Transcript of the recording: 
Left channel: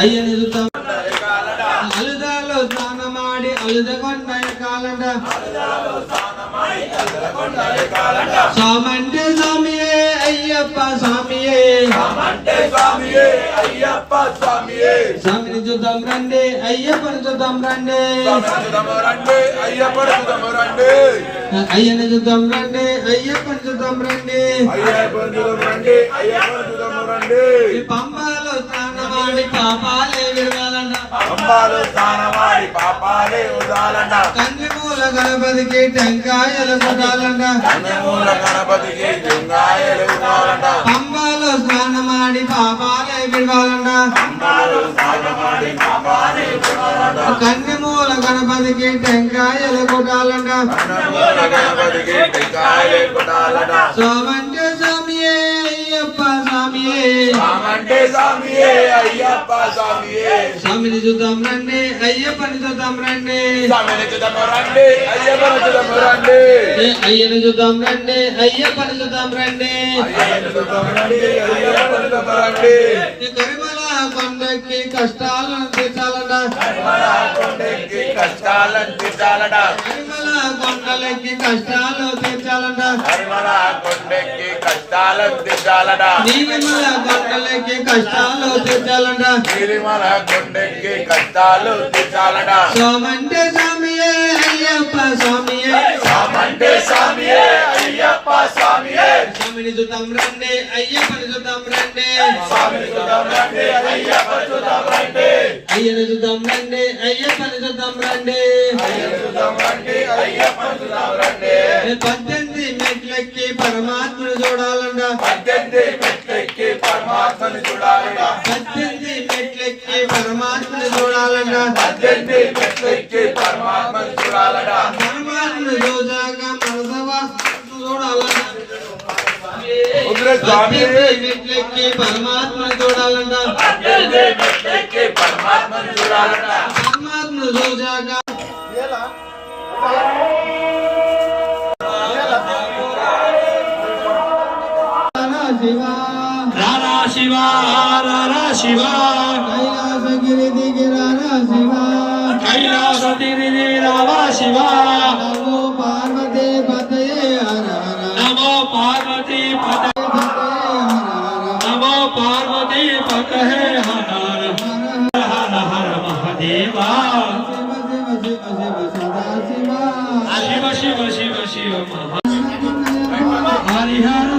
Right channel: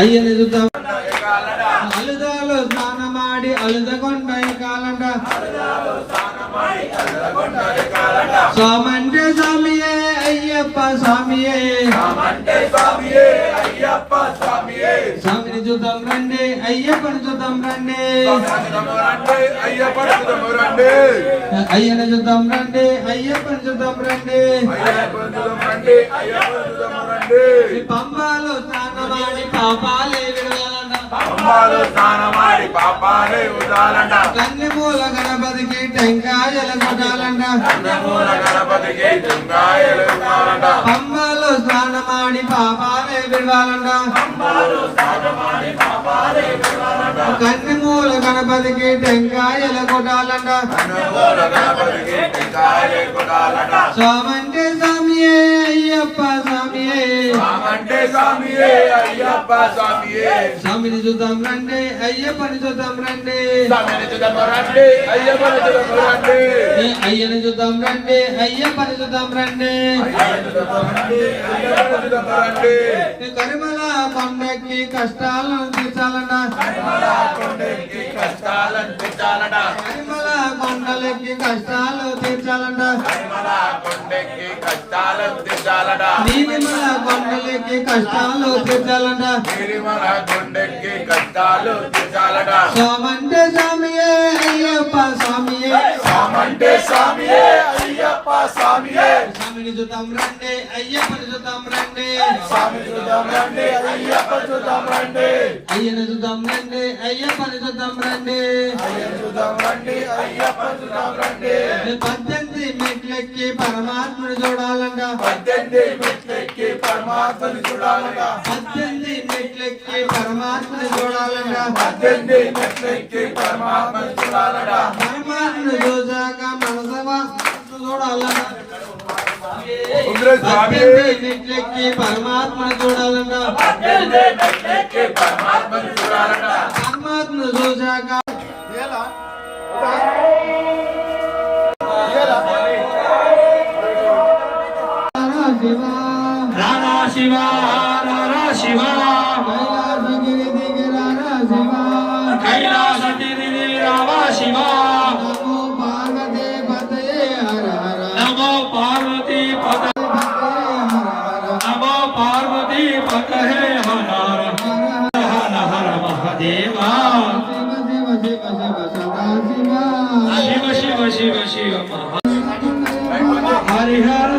అయ్యని చూద్దాం అలుదాలో స్నానమాడి అలుదగొండయ కాలండ స్వామంటే స్వామియే అయ్యప్ప స్వామియే స్వామిని చూద్దాం రండి అయ్యప్పని చూద్దాం రండి అయ్యని చూద్దాం రండి అయ్యప్పని చూద్దాం రండి పంబాలో స్నానమాడి పాపాలే విరగాలంట కన్నెమూల గణపతికి టెంకాయలు కొట్టాలంట పంబాలో స్నానమాడి పాపాలే విరగాలంట కన్నెమూల గణపతికి టెంకాయలు కొట్టాలంట స్వామంటే స్వామియే అయ్యప్ప స్వామియే స్వామిని చూద్దాం రండి అయ్యప్పని చూద్దాం రండి అయ్యని చూద్దాం రండి అయ్యప్పని చూద్దాం రండి కరిమల కొండకి కష్టాలను తీర్చాలంట కరిమల కొండలకి కష్టాలు తీర్చాలంట నీలిమల కొండలకి కష్టాలు తీర్చాలంట స్వామంటే స్వామియే అయ్యప్ప స్వామియే స్వామిని చూద్దాం రండి అయ్యప్పని చూద్దాం రండి అయ్యని చూద్దాం రండి అయ్యప్పని చూద్దాం రండి 18 మెట్లెక్కి పరమాత్మను చూడాలంట 18 మెట్లెక్కి పరమాత్మను చూడాలంట పరమాత్మను చూసాక మనసవాసను చూడాలంట 18 మెట్లెక్కి పరమాత్మను చూడాలంట పరమాత్మను చూసాక రారా శివ కైలాసగిరి దిగి రారా శివ కైలాసగిరి రారా శివ నమో పార్వతీ పతయే హర హర నమో పార్వతీ పతయే హర హర హర మహాదేవా శివ శివ శివ హరిహర